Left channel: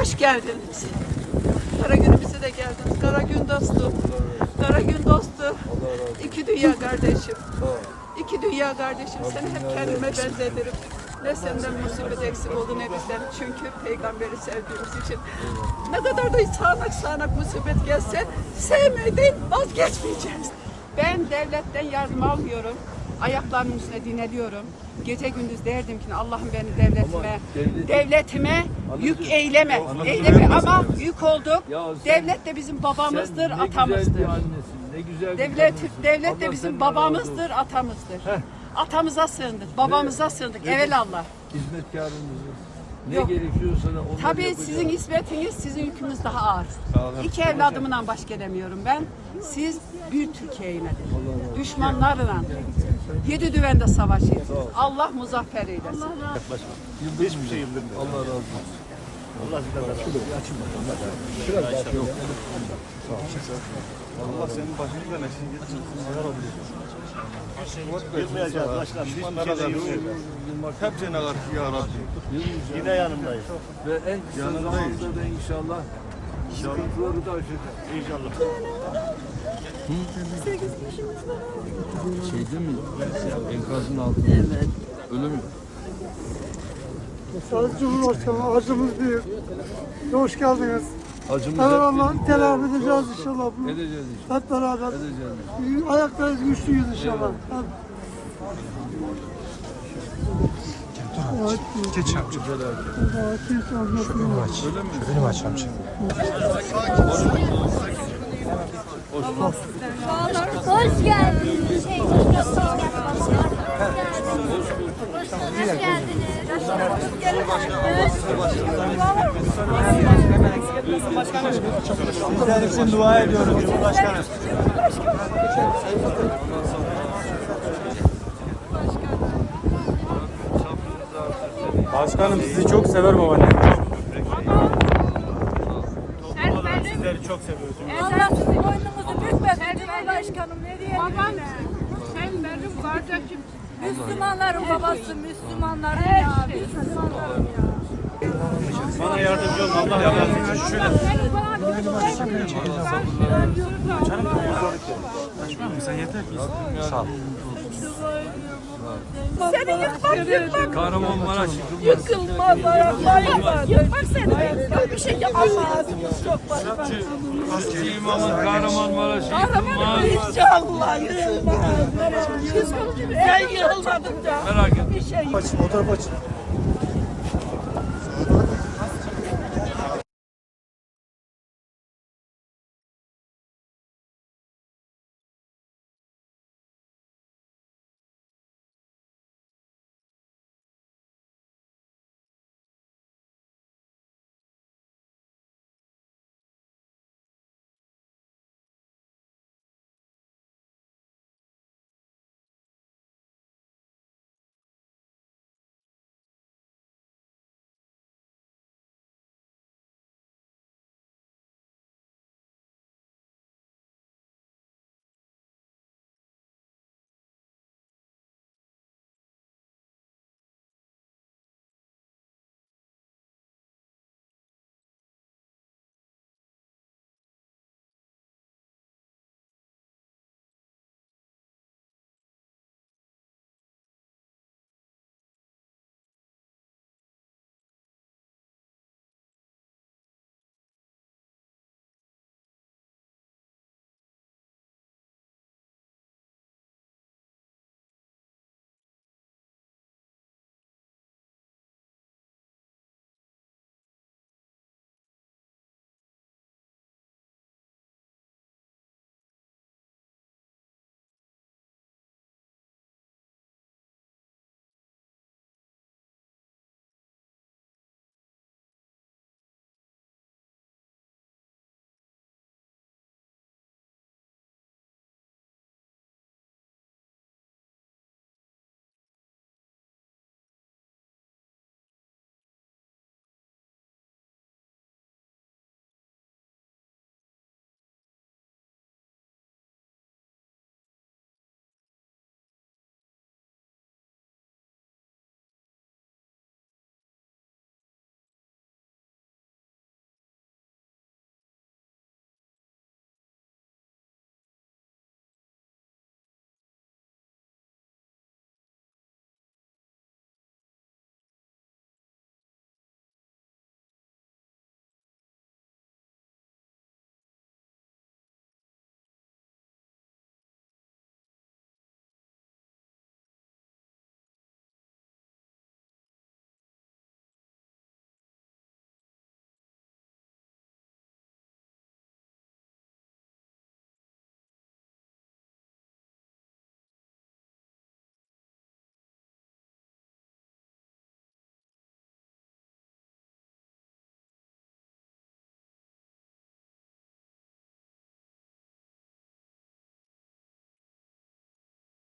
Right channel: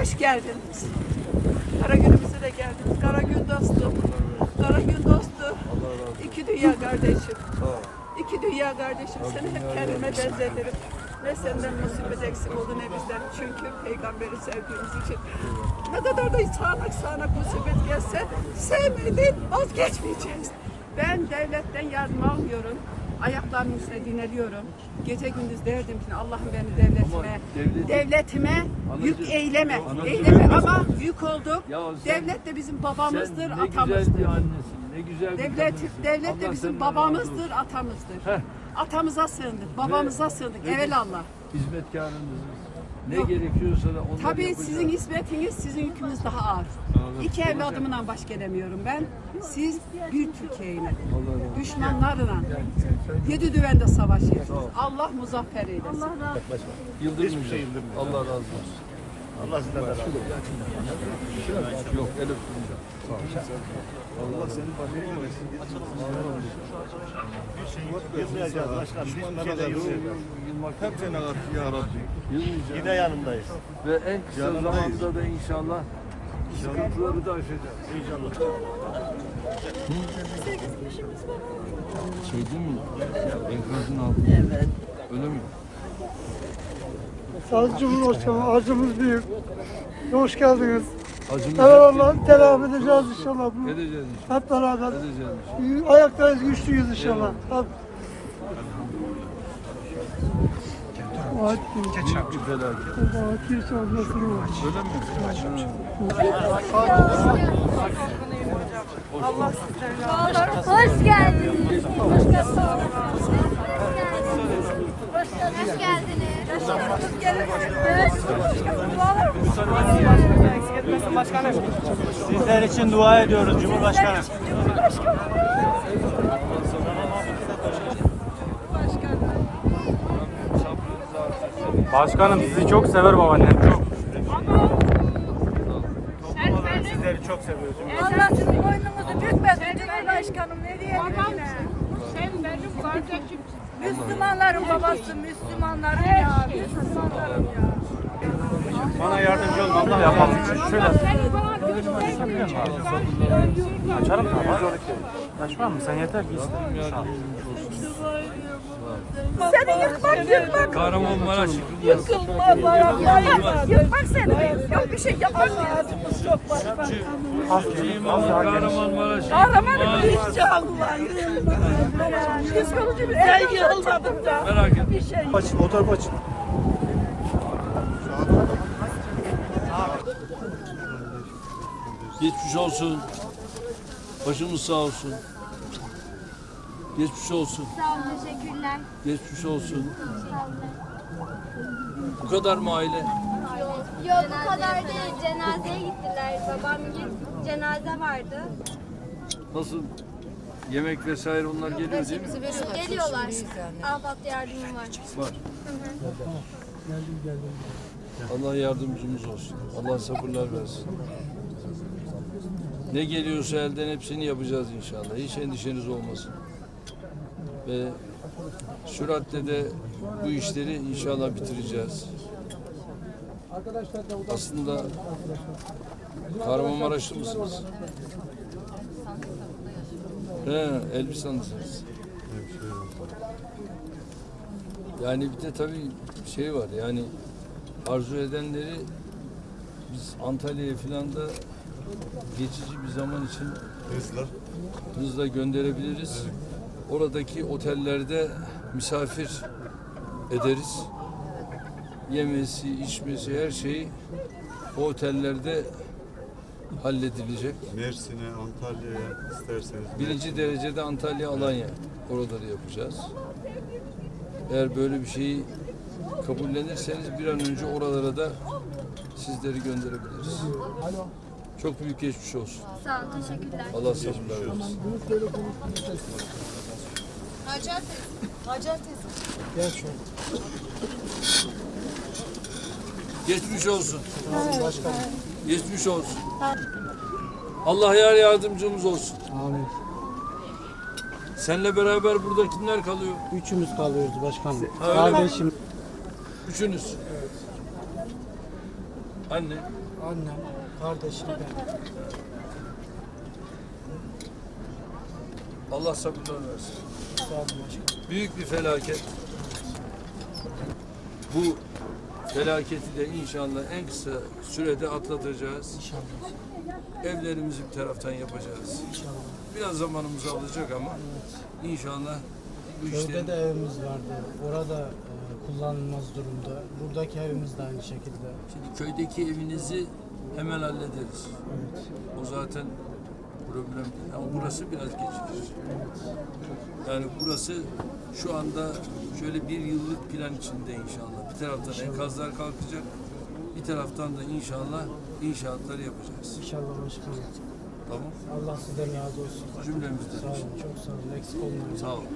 Hoş geldiniz. Kara günümüze de geldiniz. Kara gün dostum. Kara gün dostum. İki dünya kardeşim. İki dünya kardeşim. Seni hep kendime benzetirim. Ne senden musibet eksik oldu ne bizden. Çünkü peygamberi sevdiğimiz için. Ne kadar da sağanak musibet gelse sevmeden vazgeçmeyeceğiz. Ben devletten yardım almıyorum. Ayaklarımın üstüne dinleniyorum. Gece gündüz derdim ki Allah'ım beni devletime yük eyleme. Ama yük olduk. Devlet de bizim babamızdır, atamızdır. Ne güzel Devlet de bizim babamızdır, atamızdır. Atamıza sığındık, babamıza sığındık. Evelallah. Hizmetkarınızız. Ne gerekiyorsa da onları Tabii yapacağız. sizin hizmetiniz, sizin yükünüz daha ağır. İki evladımdan baş gelemiyorum ben. Siz bir Türkiye'yle, düşmanlarla, 7 düvende savaşıyorsunuz. Allah muzaffer eylesin. Hiçbir şey yıldırmıyor. Allah razı olsun. Allah sizden razı olsun. Yok, Allah senin başınızdan eksik etmesin. Allah razı olsun. Yılmayacağız başkanım. Düşmanlara da yılmayacağız. Hepsine karşı ya Rabbi. Yine yanındayız. Ve en kısa zamanda da inşallah sıkıntıları da aşacağız. İnşallah. 8 kişimiz var altında. Şeyde mi? Enkazın altında. Evet. Öyle mi? Sayın Cumhurbaşkanı acımız büyük. Hoş geldiniz. Acımız Eyvallah, telafi edeceğiz Yok, inşallah. edeceğiz inşallah. Hep beraber. Edeceğiz inşallah. Ayaktayız, güçlüyüz inşallah. Eyvallah. Büyük bir felaket. Öyle mi? Hoş geldiniz. Hoş geldiniz. Sizler için dua ediyoruz Cumhurbaşkanım. Başkanım sizi çok sever babaannem. Sizleri çok seviyoruz. Allah sizin boynunuzu bükmesin Cumhurbaşkanım. Ne diyelim? Sen benim kardeşim. Müslümanların babası, Müslümanların ya. Müslümanların ya. Bana yardımcı olun. Allah yardımcı olsun. Seni bana Başkanım sen yeter ki. Sağ ol. Seni yıkmak. Kahramanmaraş yıkılmaz. Yıkılmaz ayaklarım. Yıkmak seni. Yok bir şey yapamazsınız çok başka. Kahramanmaraş Kahramanım yıkılmaz. inşallah yıkılmaz. Psikolojim sen yıkılmadın da. Merak etme. Bir şey yok. Fotoğraf açın. Geçmiş olsun. Başımız sağ olsun. Geçmiş olsun. Sağ olun, teşekkürler. Geçmiş olsun. Sağ olun. Bu kadar mı aile? Yok bu kadar değil. Cenazeye gittiler. Babamın cenaze vardı. Nasıl? Yemek vesaire onlar geliyor değil mi? Geliyorlar. Ahbap yardımı var. Var. Allah yardımcımız olsun. Allah sabırlar versin. Ne geliyorsa elden hepsini yapacağız inşallah. Hiç endişeniz olmasın. Ve süratle de bu işleri inşallah bitireceğiz. Aslında Kahramanmaraşlı mısınız? Elbistanlısınız. Yani bir de tabii şey var yani arzu edenleri biz Antalya'ya falan da geçici bir zaman için hızla gönderebiliriz. Oradaki otellerde misafir ederiz. Yemesi, içmesi her şeyi o otellerde halledilecek. Mersin'e, Antalya'ya isterseniz. Birinci derecede Antalya, Alanya oraları yapacağız. Eğer böyle bir şeyi kabullenirseniz bir an önce oralara da sizleri gönderebiliriz. Çok büyük geçmiş olsun. Sağ olun, teşekkürler. Allah sabırlar versin. Hacer teyze. Gel şöyle. Geçmiş olsun. Geçmiş olsun. Allah yar yardımcımız olsun. Amin. Seninle beraber burada kimler kalıyor? Üçümüz kalıyoruz başkanım. Öyle mi? Kardeşim. Üçünüz. Anne, Annem, kardeşim ben. Allah sabırlar versin. Sağ olun başkanım. Büyük bir felaket. Bu felaketi de inşallah en kısa sürede atlatacağız. İnşallah. Evlerimizi bir taraftan yapacağız. İnşallah. Biraz zamanımızı alacak ama inşallah bu Köyde işlerin de evimiz vardı. Orada kullanılmaz durumda. Buradaki evimiz de aynı şekilde. Şimdi köydeki evinizi hemen hallederiz. Evet. O zaten problem değil. Ama burası biraz gecikir. Yani burası şu anda şöyle bir yıllık plan içinde inşallah. Bir taraftan enkazlar kalkacak. Bir taraftan da inşallah inşaatları yapacağız. İnşallah başkanım. Tamam. Allah sizden razı olsun. Cümlemizden. Sağ olun. Çok sağ olun. Eksik olmayın. Sağ olun.